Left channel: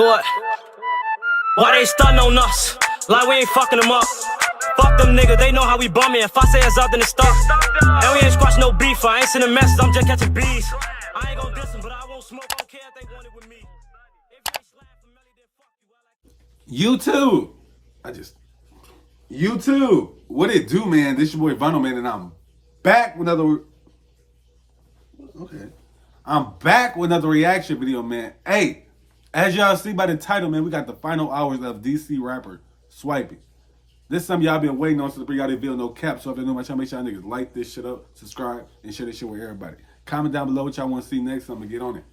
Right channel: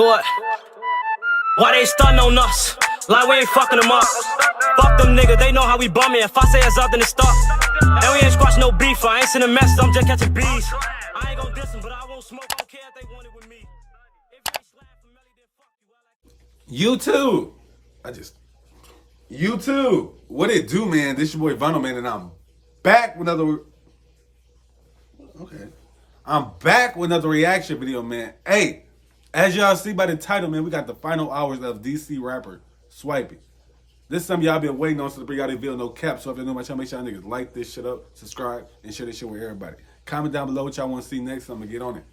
Do it. Why they stuntin' on us? Like we ain't fucking them up. Fuck them niggas, they know how we bumming. If I say it's up, then it's stuck. And we ain't squashing no beef. I ain't sending messages, I'm just catching bees. I ain't gon' diss them, but I won't smoke. I don't care if they want it with me. If you ain't slap for Melly, then fuck you. YouTube. What it do, man? This your boy Vonno, man, and I'm back with another. Okay. I'm back with another reaction video, man. Hey, as y'all see by the title, man, we got the final hours of DC rapper Swipey. This is something y'all been waiting on, so to bring out this video, no cap. So if you're new to my channel, make sure y'all niggas like this shit up, subscribe, and share this shit with everybody. Comment down below what y'all want to see next, so I'm gonna get on it.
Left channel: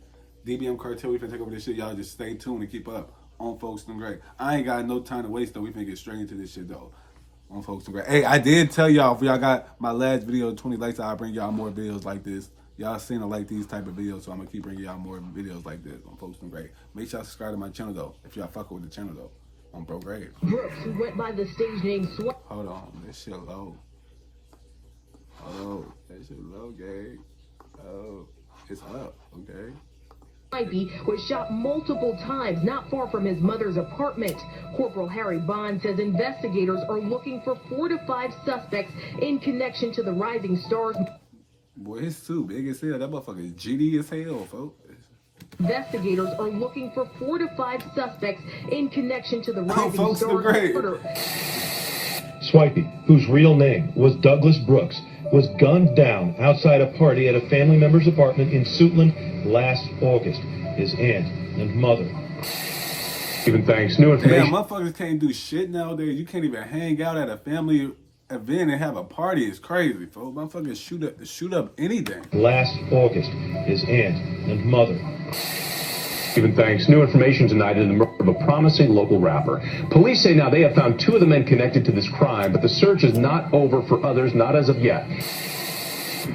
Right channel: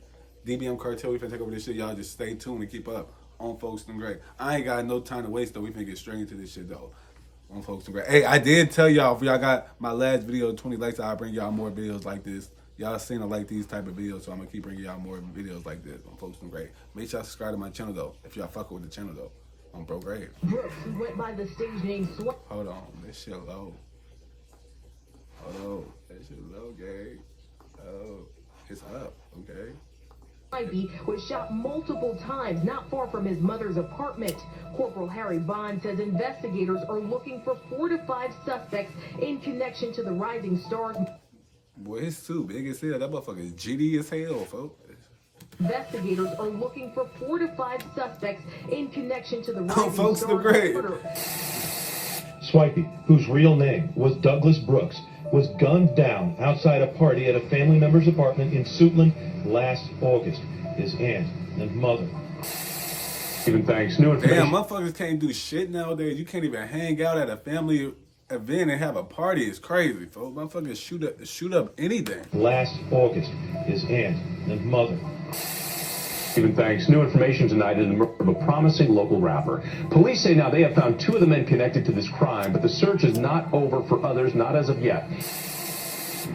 DBM cartel, we finna take over this shit. Y'all just stay tuned and keep up on Folks and Great. I ain't got no time to waste, though. We finna get straight into this shit, though. On Folks and Great. Hey, I did tell y'all, if y'all got my last video, 20 likes, I'll bring y'all more videos like this. Y'all seen I like these type of videos, so I'm gonna keep bringing y'all more videos like this on Folks and Great. Make sure y'all subscribe to my channel, though, if y'all fuck with the channel, though. On Bro Grave. Went by the stage name Hold on, this shit low. Hold on, that shit low, gang. Oh, it's up, okay. Swipey was shot multiple times not far from his mother's apartment. Corporal Harry Bond says investigators are looking for 4 to 5 suspects in connection to the Rising Stars. Boy, his suit big as hell. That motherfucker is GD as hell, folks. Investigators are looking for 4 to 5 suspects in connection to the Rising Folks Stars the Great. murder. Swipey, whose real name was Douglas Brooks, was gunned down outside a party at a family member's apartment in Suitland last August. His aunt and mother. Even thanks. New information. Damn, motherfuckers can't do shit nowadays. You can't even hang out at a family event and have a party. It's crazy, folks. Motherfuckers shoot up anything. Last August, his aunt and mother. Even thanks. New information tonight in the murder of a promising local rapper. Police say now they have found 2 of the men connected to this crime, but the search is not over for others, not as of yet.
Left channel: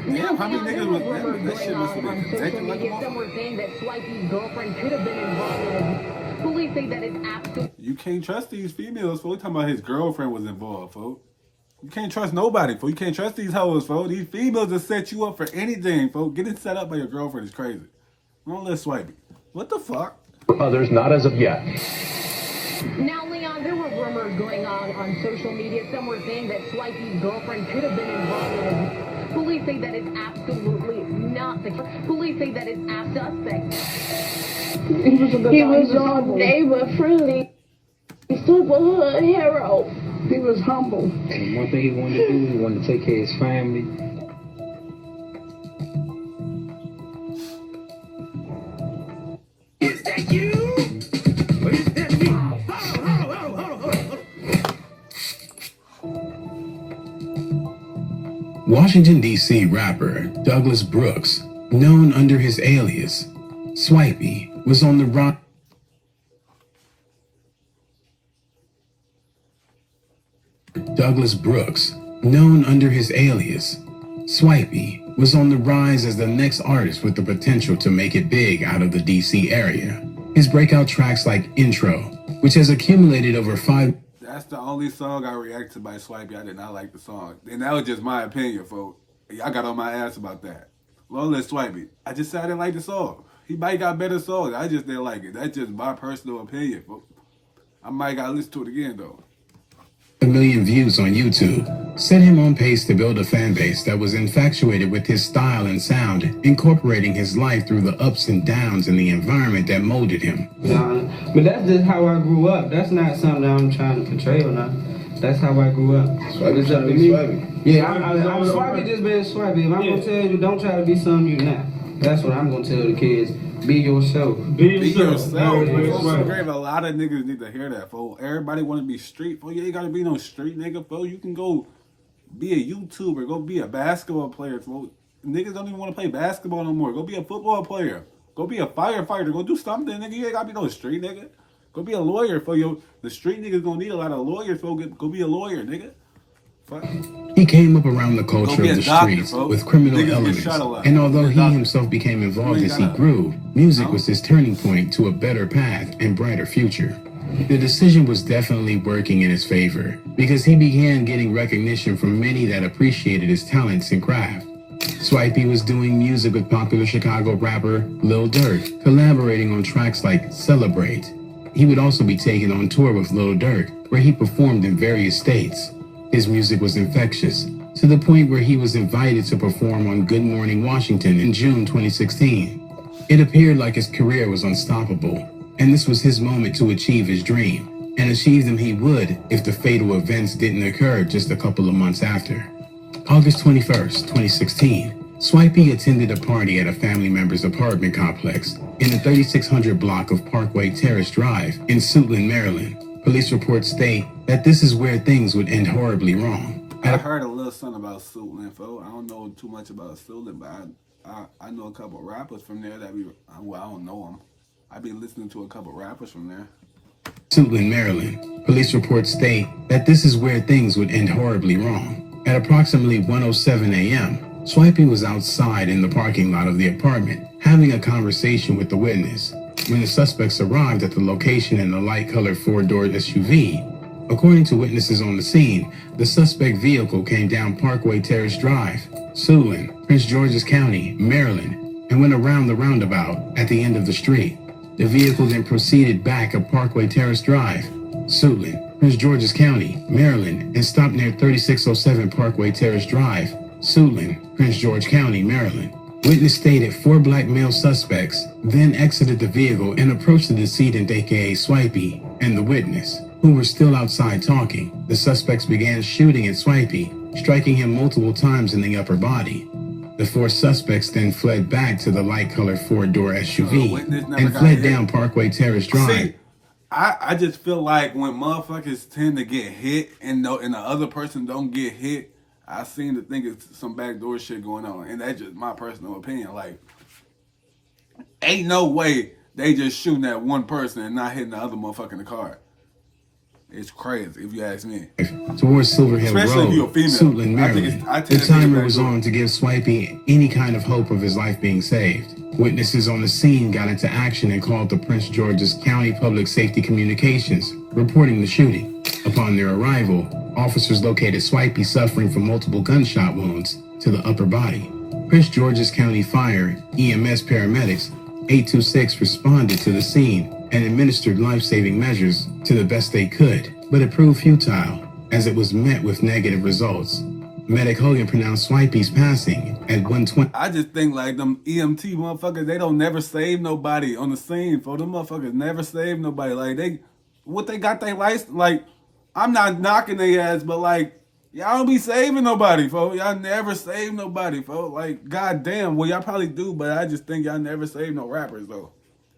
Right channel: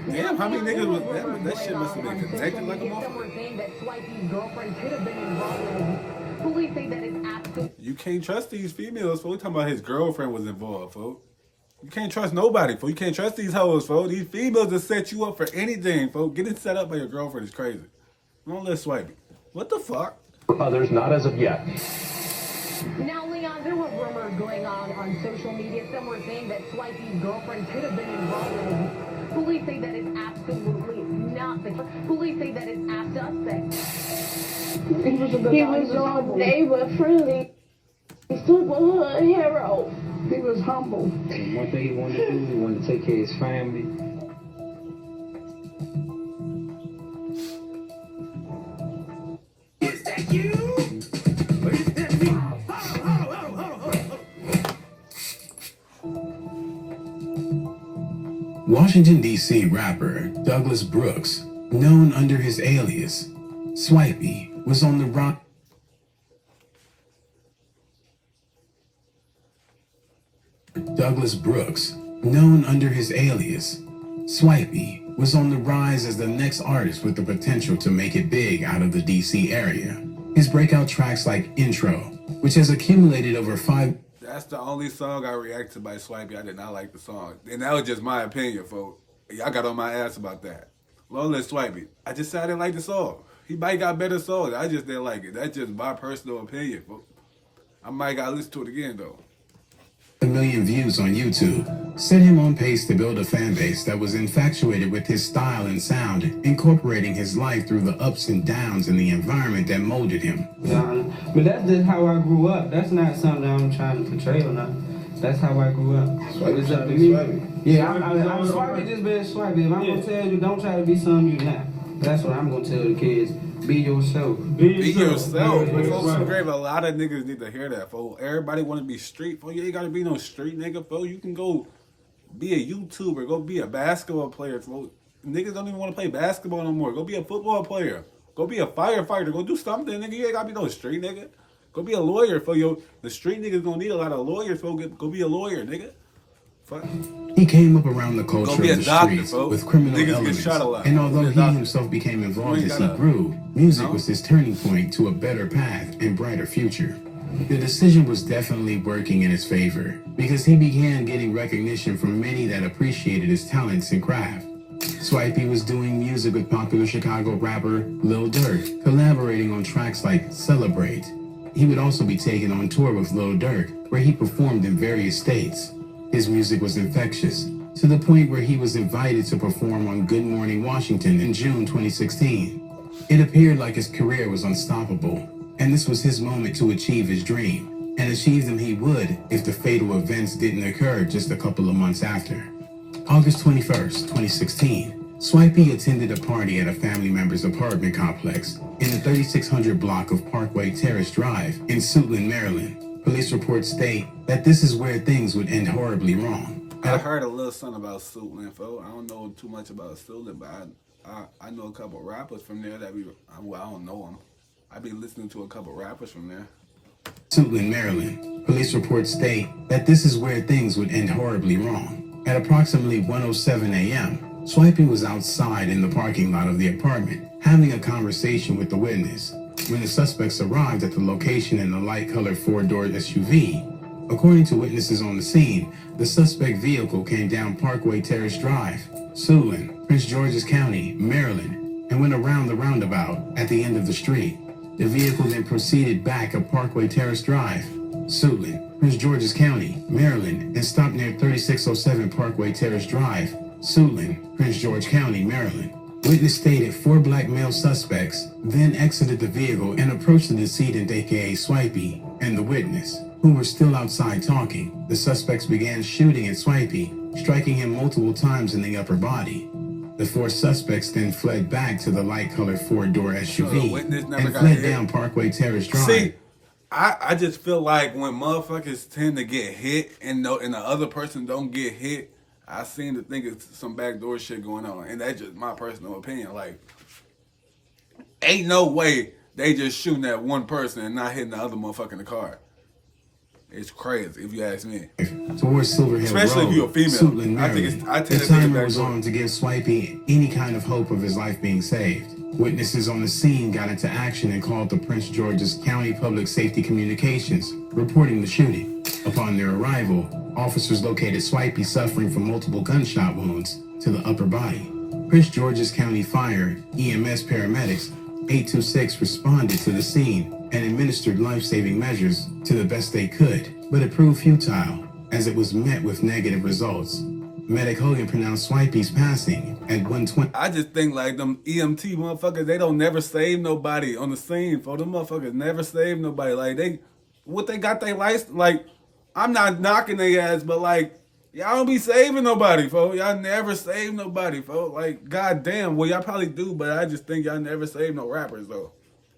Damn, how many niggas was that shit must have been connected like a Some were motherfucker. saying that Swipey's girlfriend could have been involved. Police say that it's absolute. You can't trust these females, folks. We talking about his girlfriend was involved, folks. You can't trust nobody, folks. You can't trust these hoes, folks. These females will set you up for anything, folks. Getting set up by your girlfriend is crazy. Don't let Swipey. What the fuck? For others, not as of yet. Now, Leon, there were rumors going on social media. Some were saying that Swipey's girlfriend could have been involved. Police say that it's absolutely not the case. Police say that it's a suspect. He was your neighbor friendly, super hood hero. He was humble. One thing he wanted to do, he wanted to take care of his family. Is that you? Or is that me? Washington, D.C. rapper Douglas Brooks, known under his alias Swipey, was on the run. Douglas Brooks, known under his alias Swipey, was on the rise as the next artist with the potential to make it big out of the D.C. area. His breakout tracks like Intro, which has accumulated over 5. That's the only song I reacted by Swipey. I did not like the song. And that was just my opinion, folks. Y'all got on my ass about that. Lowland Swipey. I just said I didn't like the song. He might got better songs. I just didn't like it. That's just my personal opinion, folks. I might gotta listen to it again, though. A million views on YouTube set him on pace to build a fan base that was infatuated with his style and sound, incorporating his life through the ups and downs in the environment that molded him. But that's just how I grew up. That's not something that I'm trying to portray or not. That's how I grew up. Swipey trying to be Swipey. Yeah, I'm Swipey just being Swipey. If I'm going to tell you, don't try to be something you're not. That's what I'm going to tell the kids. Be yourself. Be yourself. Folks in Grave, a lot of niggas need to hear that, folks. Everybody want to be street, folks. You ain't got to be no street nigga, folks. You can go be a YouTuber. Go be a basketball player, folks. Niggas don't even want to play basketball no more. Go be a football player. Go be a firefighter. Go do something, nigga. You ain't got to be no street nigga. Go be a lawyer, folks. The street niggas gonna need a lot of lawyers, folks. Go be a lawyer, nigga. Fuck. He came up around the culture Go be of a the doctor, streets folks. with criminal Niggas get elements, shot a lot. and although Be a he doctor. himself became involved You ain't as he gotta- grew, music No? was his turning point to a better path and brighter future. The decision was definitely working in his favor because he began getting recognition from many that appreciated his talents and craft. Swipey was doing music with popular Chicago rapper Lil Durk, collaborating on tracks like Celebrate, He would also be taken on tour with Lil Durk, where he performed in various states. His music was infectious, to the point where he was invited to perform on Good Morning Washington in June 2016. It appeared like his career was unstoppable, and this was his moment to achieve his dream, and achieve them he would if the fatal events didn't occur just a couple of months after. August 21st, 2016, Swipey attended a party at a family member's apartment complex in the 3600 block of Parkway Terrace Drive in Suitland, Maryland. Police reports state that this is where things would end horribly wrong. I heard a little something about Suitland, folks. I don't know too much about Suitland, but I know a couple rappers from there that well, I don't know them. I be listening to a couple rappers from there. Suitland, Maryland. Police reports state that this is where things would end horribly wrong. At approximately 1:07 a.m., Swipey was outside in the parking lot of the apartment, having a conversation with the witness, when the suspects arrived at the location in a light-colored four-door SUV. According to witnesses on the scene, the suspect vehicle came down Parkway Terrace Drive, Suitland, Prince George's County, Maryland, and went around the roundabout at the end of the street. The vehicle then proceeded back up Parkway Terrace Drive, Suitland, Prince George's County, Maryland, and stopped near 3607 Parkway Terrace Drive, Suitland, Prince George County, Maryland. Witness stated 4 black male suspects then exited the vehicle and approached the decedent, aka Swipey, and the witness, who were still outside talking. The suspects began shooting at Swipey, striking him multiple times in the upper body. The 4 suspects then fled back to the light-colored four-door SUV and fled down Parkway Terrace Drive. See, I just feel like when motherfuckers tend to get hit and the other person don't get hit, I seem to think it's some backdoor shit going on. And that's just my personal opinion. Like, ain't no way they just shooting at one person and not hitting the other motherfucker in the car. It's crazy, if you ask me. Towards Silverhead Especially Road, if you're a female. Suitland, I think Maryland. I tend the to think it's timer was backdoor. on to give Swipey any kind of hope of his life being saved. Witnesses on the scene got into action and called the Prince George's County Public Safety Communications, reporting the shooting. Upon their arrival, officers located Swipey suffering from multiple gunshot wounds to the upper body. Prince George's County Fire, EMS paramedics, 826 responded to the scene and administered life-saving measures to the best they could, but it proved futile as it was met with negative results. Medic Hogan pronounced Swipey's passing at 1:20. I just think like them EMT motherfuckers, they don't never save nobody on the scene, for them motherfuckers never save nobody. Like they got their license. Like, I'm not knocking their ass, but like, y'all don't be saving nobody, folks. Y'all never save nobody, folks. Like, goddamn, well, y'all probably do, but I just think y'all never save no rappers, though.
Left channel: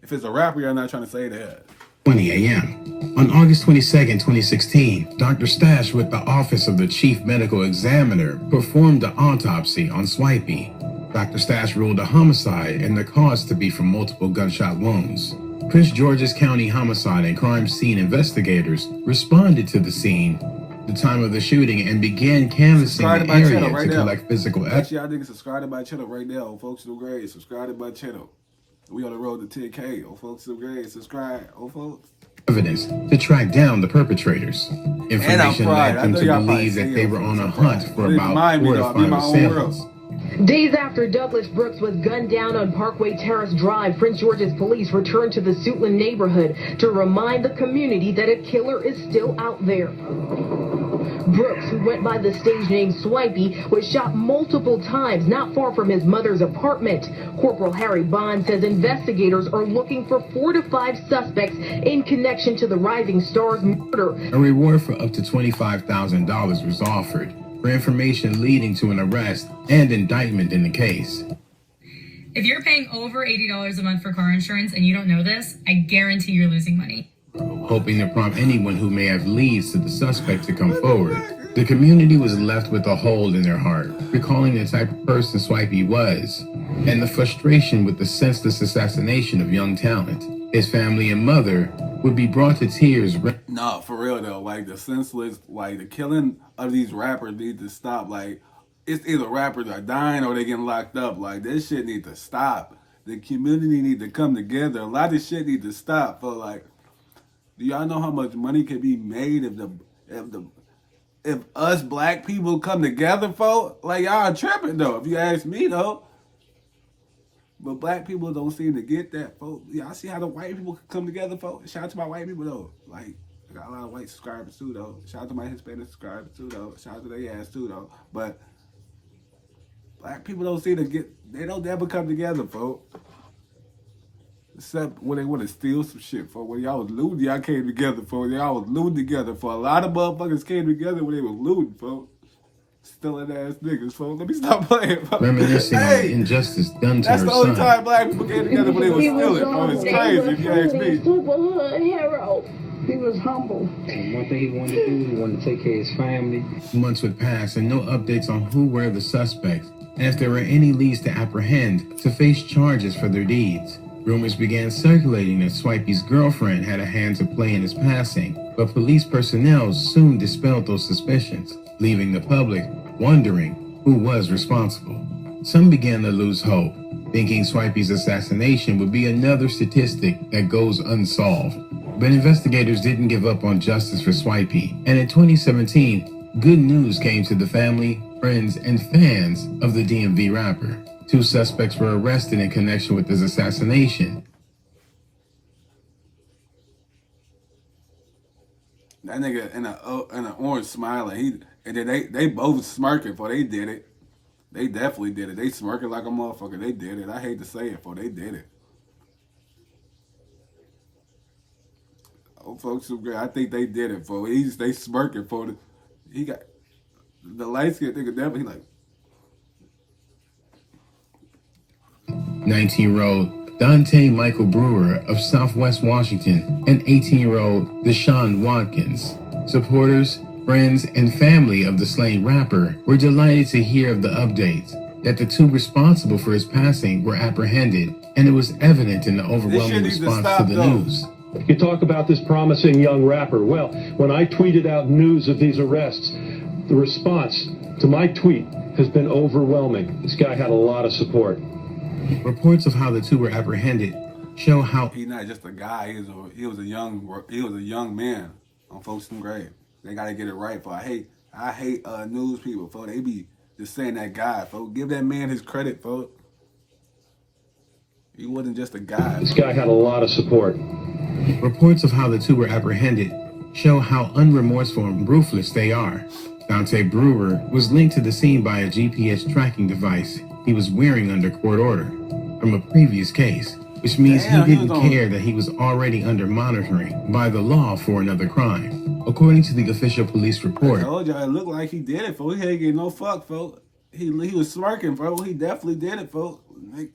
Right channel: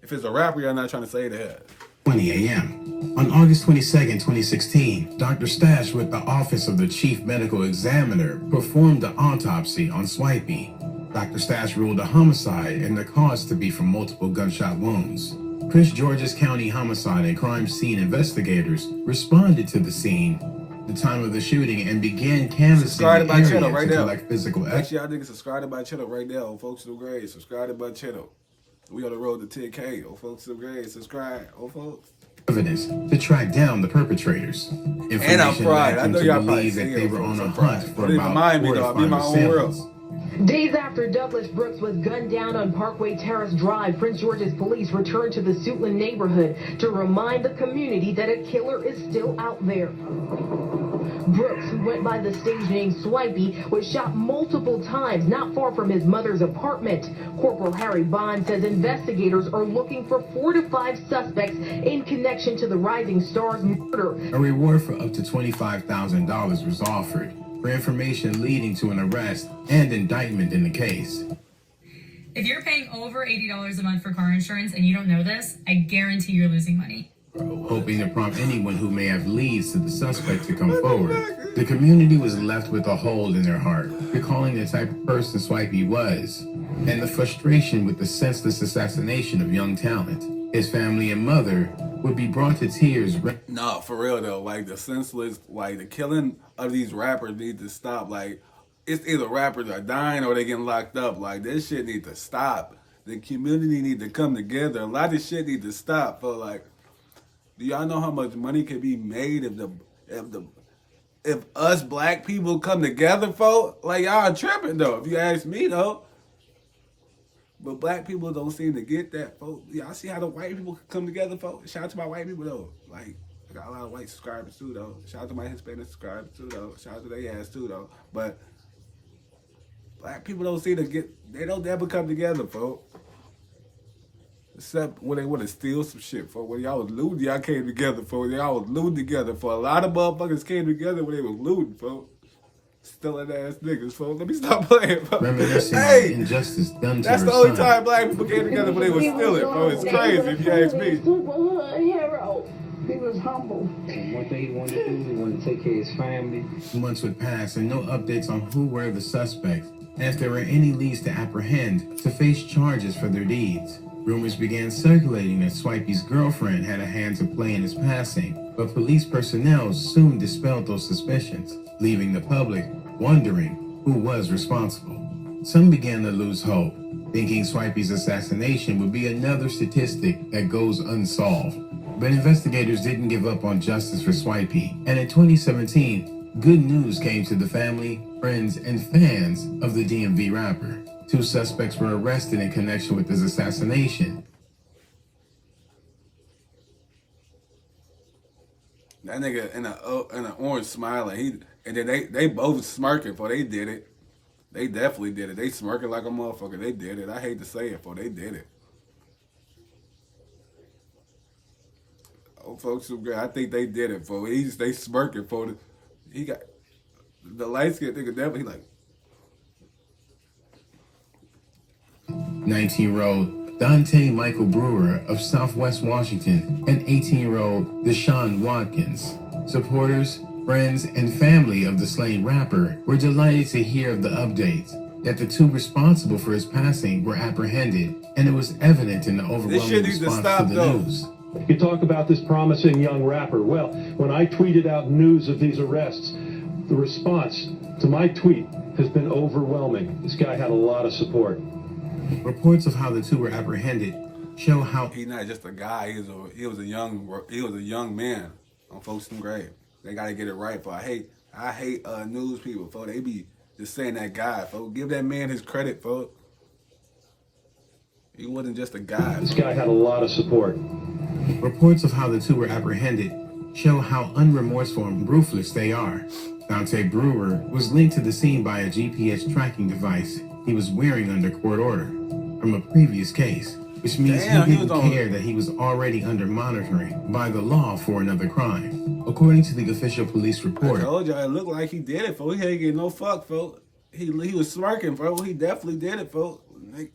If it's a rapper, y'all not trying to save their ass. 20 a.m. On August 22nd, 2016, Dr. Stash with the Office of the Chief Medical Examiner performed the autopsy on Swipey. Dr. Stash ruled a homicide and the cause to be from multiple gunshot wounds. Prince George's County Homicide and Crime Scene investigators responded to the scene, the time of the shooting, and began canvassing the area to collect physical evidence. Actually, y'all niggas subscribe to my channel right now, old folks do great. Subscribe to my channel. We on the road to 10K, old folks do great. Subscribe, old folks. Evidence to track down the perpetrators. And I'm fried. I know y'all probably that see they it, were folks. on a I'm hunt fried. for Don't even about mind me 4 though. or I'll be in my 5 own world. samples. Days after Douglas Brooks was gunned down on Parkway Terrace Drive, Prince George's police returned to the Suitland neighborhood to remind the community that a killer is still out there. Brooks, who went by the stage name Swipey, was shot multiple times not far from his mother's apartment. Corporal Harry Bond says investigators are looking for 4 to 5 suspects in connection to the Rising Stars murder. A reward for up to $25,000 was offered for information leading to an arrest and indictment in the case. If you're paying over $80 a month for car insurance and you don't know this, I guarantee you're losing money. Hoping to prompt anyone who may have leads to the suspect to come forward, the community was left with a hole in their heart, recalling the type of person Swipey was, and the frustration with the senseless assassination of young talent. His family and mother would be brought to tears. Nah, for real though, like the senseless, like the killing of these rappers need to stop. Like, it's either rappers are dying or they getting locked up. Like, this shit need to stop. The community need to come together. A lot of shit need to stop. For like, do y'all know how much money can be made if us black people come together, folks? Like, y'all tripping though, if you ask me though. But black people don't seem to get that, folks. Yeah, I see how the white people come together, folks. Shout out to my white people, though. Like, I got a lot of white subscribers, too, though. Shout out to my Hispanic subscribers, too, though. Shout out to their ass, too, though. But black people don't seem to get, they don't ever come together, folks. Except when they want to steal some shit, folks. When y'all was looting, y'all came together, folks. Y'all was looting together. For a lot of motherfuckers came together when they was looting, folks. Stealing ass niggas, folks. Let me stop playing, folks. Hey, injustice done to that's her the only son. time black people came together when they was stealing, folks. It's crazy if you ask me. He was a hood hero. He was humble. One thing he wanted to do, he wanted to take care of his family. Months would pass and no updates on who were the suspects, and if there were any leads to apprehend to face charges for their deeds. Rumors began circulating that Swipey's girlfriend had a hand to play in his passing, but police personnel soon dispelled those suspicions, leaving the public wondering who was responsible. Some began to lose hope, thinking Swipey's assassination would be another statistic that goes unsolved. But investigators didn't give up on justice for Swipey, and in 2017, good news came to the family, friends, and fans of the DMV rapper. 2 suspects were arrested in connection with his assassination. That nigga in an orange smiling, and then they both smirking for they did it. They definitely did it. They smirking like a motherfucker. They did it. I hate to say it, for they did it. Oh, folks, I think they did it, for they smirking for the. He got the light skinned nigga definitely like. 19-year-old Dante Michael Brewer of Southwest Washington and 18-year-old Deshaun Watkins. Supporters, friends, and family of the slain rapper were delighted to hear of the updates that the 2 responsible for his passing were apprehended, and it was evident in the overwhelming response to the news. You talk about this promising young rapper. Well, when I tweeted out news of these arrests, the response to my tweet has been overwhelming. This guy had a lot of support. Reports of how the 2 were apprehended show how He's not just a guy. He was a young man on Folkestone grave. They gotta get it right. For I hate news people. For they be just saying that guy. Folks, give that man his credit, folks. He wasn't just a guy. This guy had a lot of support. Reports of how the 2 were apprehended show how unremorseful and ruthless they are. Dante Brewer was linked to the scene by a GPS tracking device he was wearing under court order from a previous case, which means he didn't care that he was already under monitoring by the law for another crime. According to the official police report, I told y'all it looked like he did it, folks. He ain't getting no fuck, folks. He was smirking, folks. He definitely did it, folks.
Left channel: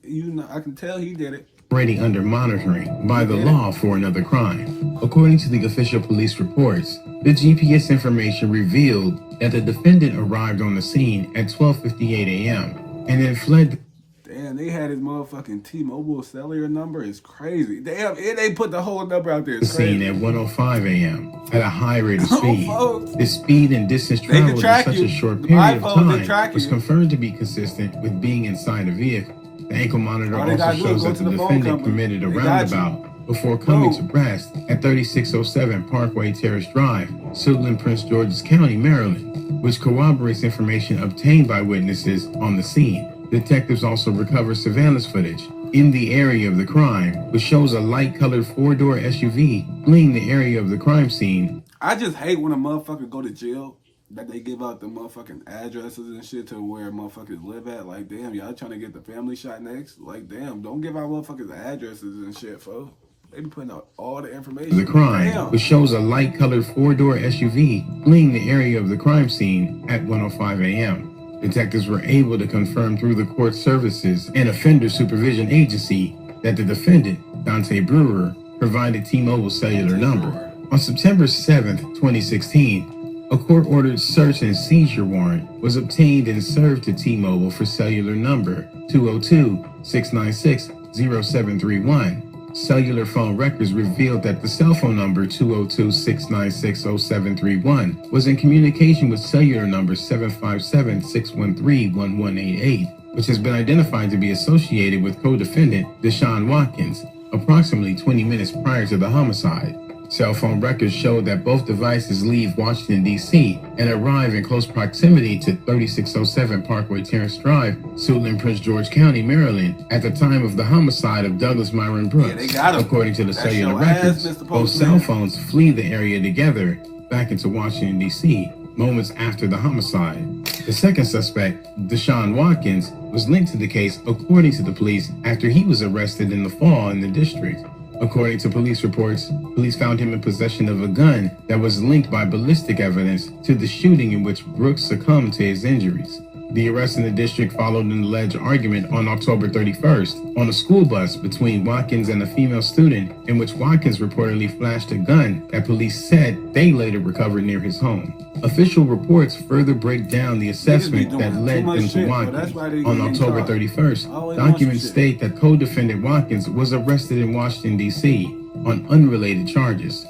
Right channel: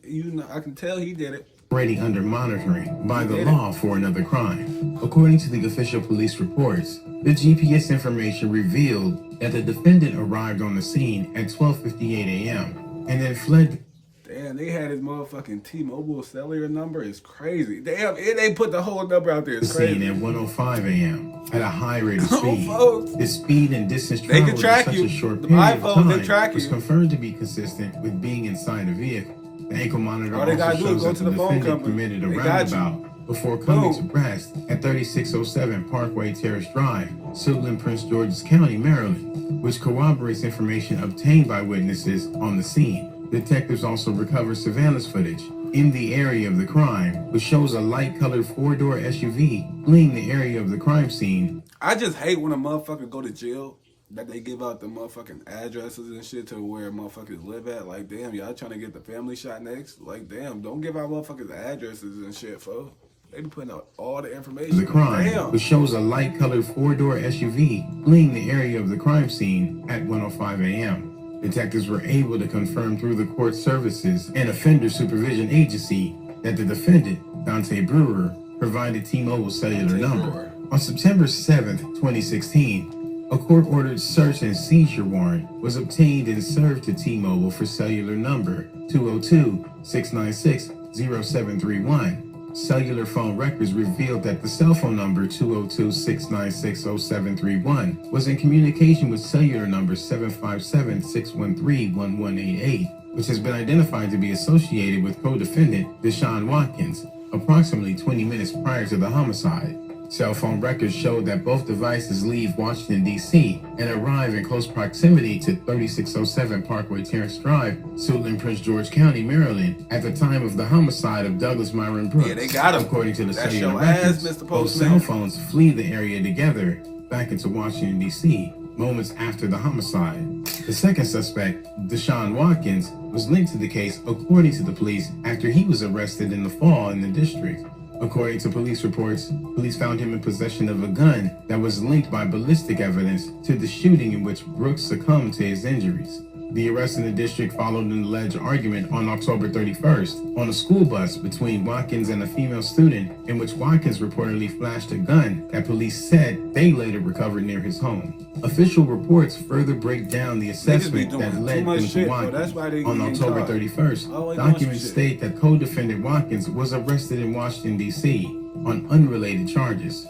You know, I can tell he did it. Already under monitoring by the law for another crime. According to the official police reports, the GPS information revealed that the defendant arrived on the scene at 12:58 a.m. and then fled. Damn, they had his motherfucking T-Mobile cellular number. It's crazy. Damn, they put the whole number out there. It's crazy. Scene at 1:05 a.m. at a high rate of speed. Folks. The speed and distance They traveled can track in such you. a short The period of iPhone, they time track was you. confirmed to be consistent with being inside a vehicle. The ankle monitor All they gotta also do is shows go that to the the phone defendant company. committed a They got you. roundabout before coming Boom. to rest at 3607 Parkway Terrace Drive, Suitland, Prince George's County, Maryland, which corroborates information obtained by witnesses on the scene. Detectives also recovered surveillance footage in the area of the crime, which shows a light-colored 4-door SUV fleeing the area of the crime scene. I just hate when a motherfucker go to jail that they give out the motherfucking addresses and shit to where motherfuckers live at. Like, damn, y'all trying to get the family shot next? Like, damn, don't give out motherfuckers addresses and shit, folks. They be putting out all the information. The crime, Damn. which shows a light-colored 4-door SUV fleeing the area of the crime scene at 1:05 a.m. Detectives were able to confirm through the court services and offender supervision agency that the defendant, Dante Brewer, provided T-Mobile cellular number. On September 7th, 2016, a court-ordered search and seizure warrant was obtained and served to T-Mobile for cellular number 202-696-0731. Cellular phone records revealed that the cell phone number 202-696-0731 was in communication with cellular number 757-613-1188, which has been identified to be associated with co-defendant Deshaun Watkins, approximately 20 minutes prior to the homicide. Cell phone records showed that both devices leave Washington, D.C. and arrive in close proximity to 3607 Parkway Terrace Drive, Suitland, Prince George County, Maryland, at the time of the homicide of Douglas Myron Brooks. Yeah, they got him. According to the That's cellular your ass, records, Mr. both Postman. cell phones flee the area together back into Washington, D.C., moments after the homicide. The second suspect, Deshaun Watkins, was linked to the case according to the police after he was arrested in the fall in the district. According to police reports, police found him in possession of a gun that was linked by ballistic evidence to the shooting in which Brooks succumbed to his injuries. The arrest in the district followed an alleged argument on October 31st on a school bus between Watkins and a female student, in which Watkins reportedly flashed a gun that police said they later recovered near his home. Official reports further break down the assessment that led them to Watkins. On October 31st, documents state that co-defendant Watkins was arrested in Washington, D.C. on unrelated charges.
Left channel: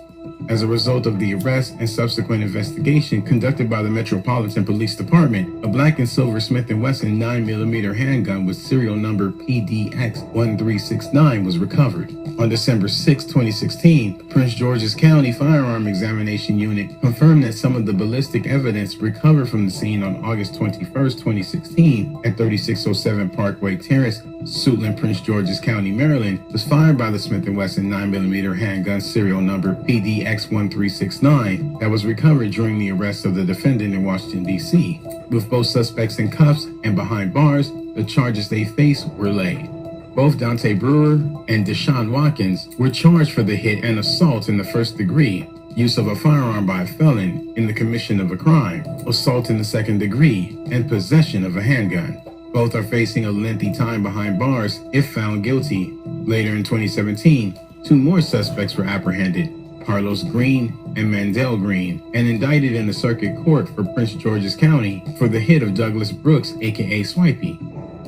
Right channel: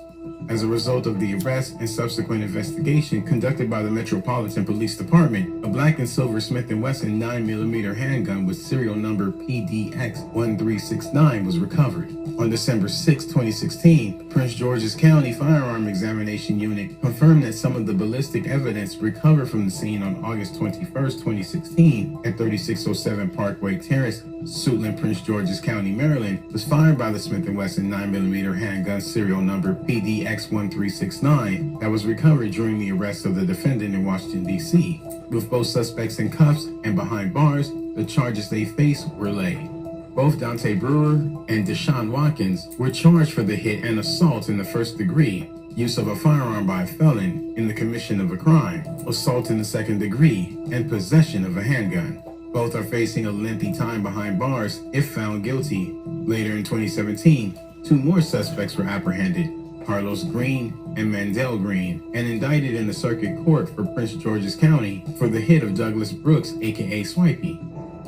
As a result of the arrest and subsequent investigation conducted by the Metropolitan Police Department, a black and silver Smith & Wesson 9mm handgun with serial number PDX1369 was recovered. On December 6, 2016, Prince George's County Firearm Examination Unit confirmed that some of the ballistic evidence recovered from the scene on August 21, 2016 at 3607 Parkway Terrace, Suitland, Prince George's County, Maryland, was fired by the Smith & Wesson 9mm handgun serial number PDX1369 that was recovered during the arrest of the defendant in Washington, D.C. With both suspects in cuffs and behind bars, the charges they faced were laid. Both Dante Brewer and Deshaun Watkins were charged for the hit and assault in the first degree, use of a firearm by a felon in the commission of a crime, assault in the second degree, and possession of a handgun. Both are facing a lengthy time behind bars if found guilty. Later in 2017, two more suspects were apprehended, Carlos Green and Mandel Green, and indicted in the circuit court for Prince George's County for the hit of Douglas Brooks, aka Swipey.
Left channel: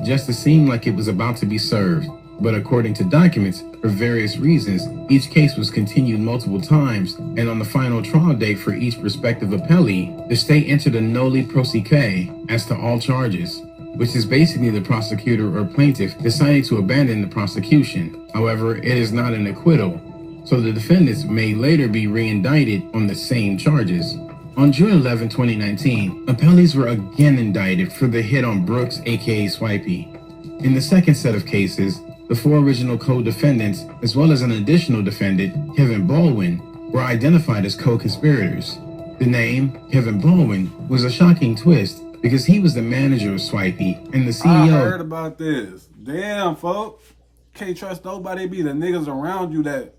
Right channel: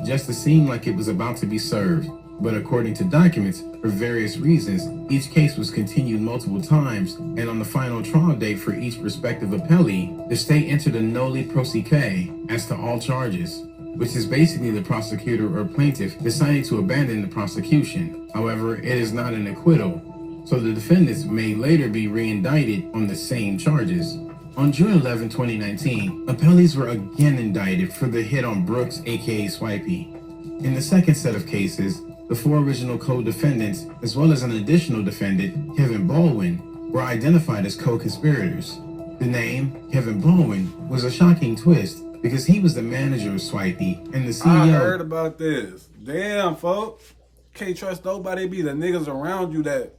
Justice seemed like it was about to be served, but according to documents, for various reasons, each case was continued multiple times, and on the final trial date for each respective appellee, the state entered a noli prosequi as to all charges, which is basically the prosecutor or plaintiff deciding to abandon the prosecution. However, it is not an acquittal, so the defendants may later be re-indicted on the same charges. On June 11, 2019, appellees were again indicted for the hit on Brooks, aka Swipey. In the second set of cases, the four original co-defendants, as well as an additional defendant, Kevin Baldwin, were identified as co-conspirators. The name, Kevin Baldwin, was a shocking twist because he was the manager of Swipey and the CEO. I heard about this. Damn, folks. Can't trust nobody. Be the niggas around you that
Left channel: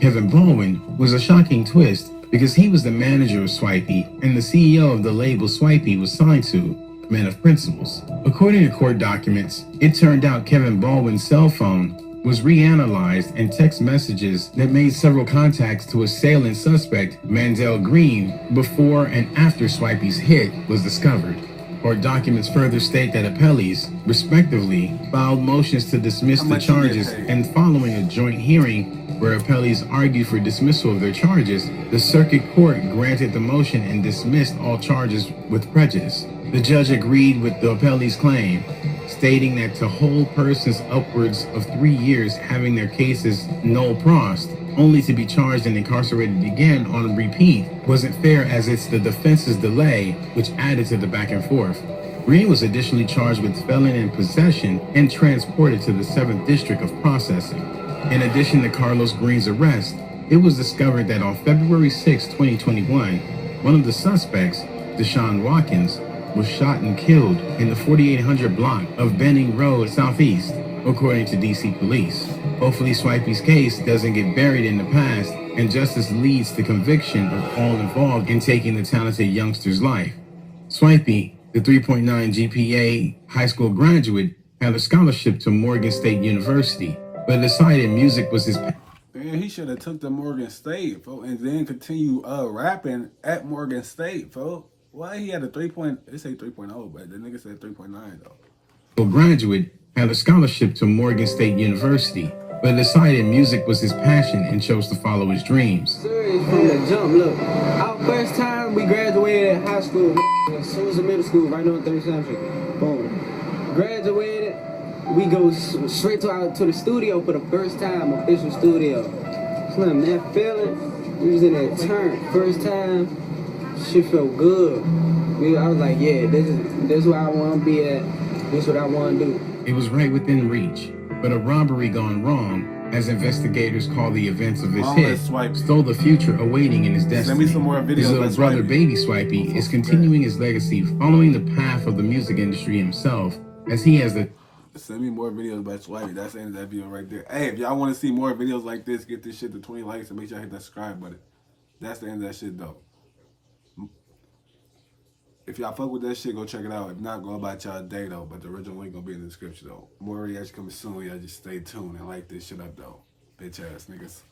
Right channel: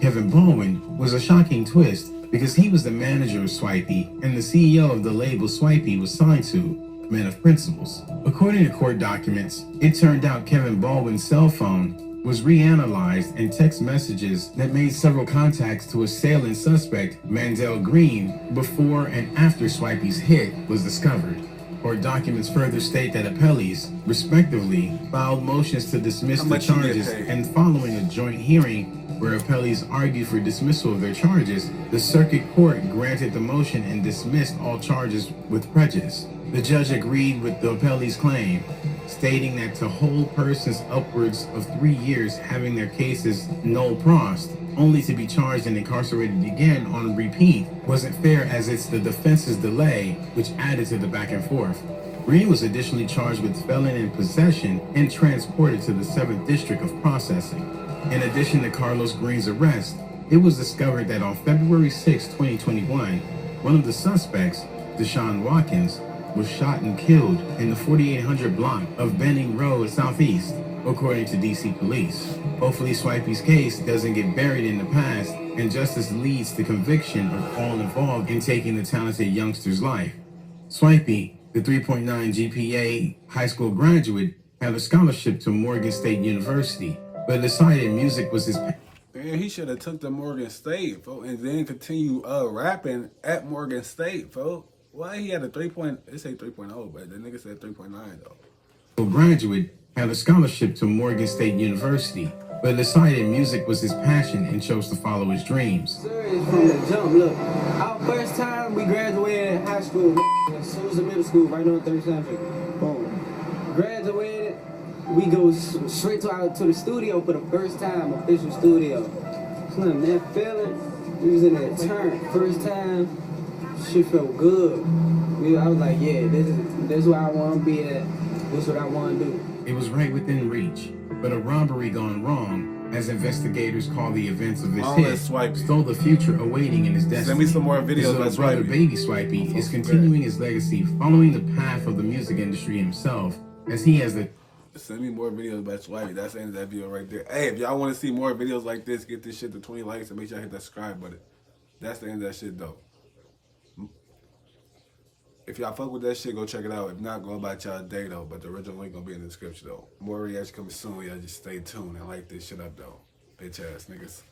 Kevin Baldwin was a shocking twist because he was the manager of Swipey and the CEO of the label Swipey was signed to, Men of Principles. According to court documents, it turned out Kevin Baldwin's cell phone was reanalyzed and text messages that made several contacts to assailant suspect Mandel Green before and after Swipey's hit was discovered. Court documents further state that appellees, respectively, filed motions to dismiss the charges, and following a joint hearing where appellees argued for dismissal of their charges, the circuit court granted the motion and dismissed all charges with prejudice. The judge agreed with the appellee's claim, stating that to hold persons upwards of 3 years having their cases null prost, only to be charged and incarcerated again on repeat, wasn't fair, as it's the defense's delay which added to the back and forth. Green was additionally charged with felon in possession and transported to the 7th District of Processing. In addition to Carlos Green's arrest, it was discovered that on February 6, 2021, one of the suspects, Deshaun Watkins, was shot and killed in the 4800 block of Benning Road Southeast, according to DC police. Hopefully Swipey's case doesn't get buried in the past and justice leads to conviction of all involved in taking the talented youngster's life. Swipey, the 3.9 GPA high school graduate, had a scholarship to Morgan State University, but decided music was his passion. Man, he should have took the Morgan State, folks, and then continue rapping at Morgan State, folks. Why he had a 3. They say 3.0, but the nigga said 3.9 though. A graduate had a scholarship to Morgan State University, but decided music was his passion and chose to follow his dreams. Serious from the jump. Look, our first time we graduated high school, Susan Middle School, right on 3rd Century. Boom. Graduated, we go straight to the studio for the first time, official studio. Slim, that feeling, we was in that turn, first time, shit felt good. I was like, yeah, this is where I want to be at, this is what I want to do. It was right within reach, but a robbery gone wrong, as investigators call the events of his hit, stole the future awaiting in his destiny. Send me some more videos his by little brother, Swipey. Baby Swipey, is continuing his legacy, following the path of the music industry himself, as he has the... Send me more videos by Swipey. That's the end of that video right there. Hey, if y'all want to see more videos like this, get this shit to 20 likes and make sure y'all hit that subscribe button. That's the end of that shit, though. If y'all fuck with that shit, go check it out. If not, go about y'all day, though. But the original link gonna be in the description, though. More reaction coming soon. Y'all just stay tuned and like this shit up, though. Bitch ass niggas.